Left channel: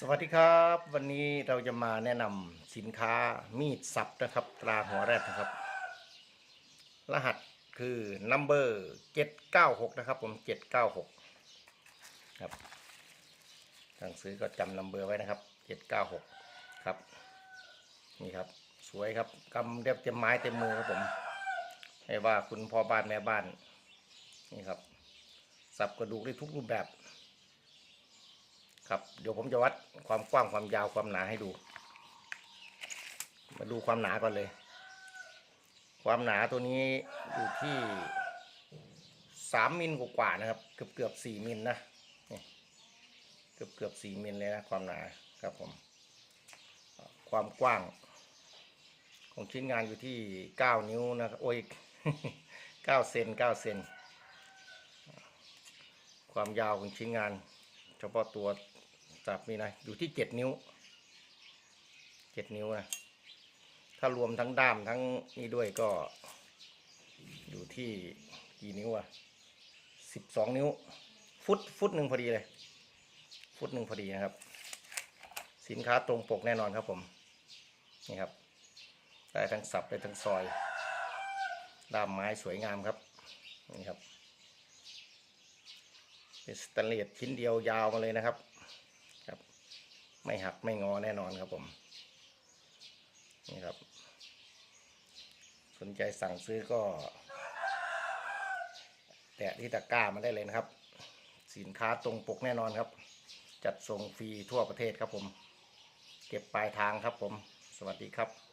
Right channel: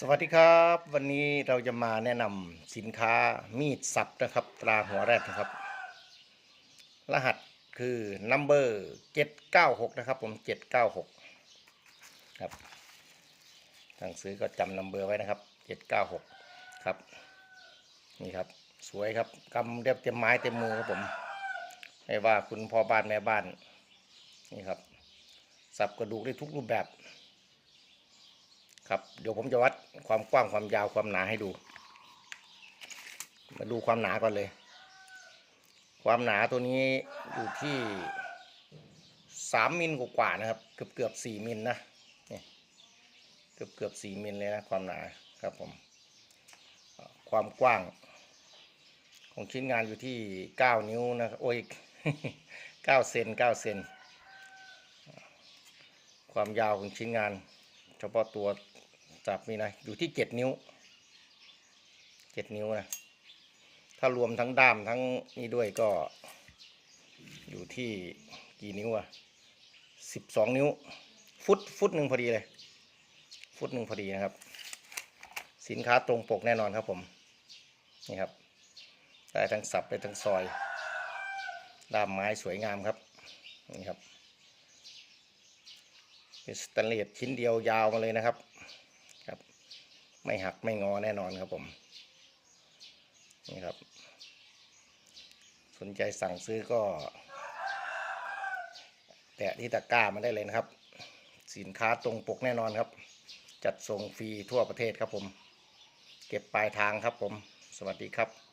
สวัสดีครับ วันนี้เราจะมาแนะนำสินค้ามีดสับนะครับ ตราหัวแรดนะครับ รหัสคือ number 796 นะครับ ผม 796 ครับทางซื้อก็จำ number ไว้นะครับ 796 ครับ นี่ครับ สวยครับกำเรียบเต็มไม้เต็มมือครับผม ให้ว่าคุณพ่อบ้านแม่บ้าน นี่ครับ สับกระดูกได้ทุกรูปแบบ ครับเดี๋ยวผมจะวัดความกว้างความยาวความหนาให้ดู มาดูความหนาก่อนเลย ความหนาตัวนี้อยู่ที่สามมิลกว่าๆนะครับ เกือบเกือบสี่มิลนะเนี่ยเกือบเกือบสี่มิลเลยนะความหนาครับผมความกว้าง ของชิ้นงานอยู่ที่เก้านิ้วนะครับโอ้ยเก้าเซนเก้าเซนความยาวของชิ้นงาน เฉพาะตัว จับนี่นะอยู่ที่เจ็ดนิ้วเจ็ดนิ้วนะถ้ารวมทั้งด้ามทั้งนี่ด้วยก็ อยู่ที่กี่นิ้วอะสิบสองนิ้ว ฟุตฟุตหนึ่งพอดีเลย ฟุตหนึ่งพอดีนะครับ สินค้าตรงปกแน่นอนครับผม นี่ครับได้ทั้งสับได้ทั้งซอยด้ามไม้สวยงามครับ นี่ครับเป็นสแตนเลสชิ้นเดียวยาวมาเลยนะครับ ไม่หักไม่งอแน่นอนครับผมนี่ครับ สนใจสั่งซื้อก็แตะที่ตะกร้ามาได้เลยนะครับ สินค้าตรงปกแน่นอนครับ จัดส่งฟรีทั่วประเทศครับผม เก็บปลายทางครับผม สวัสดีครับ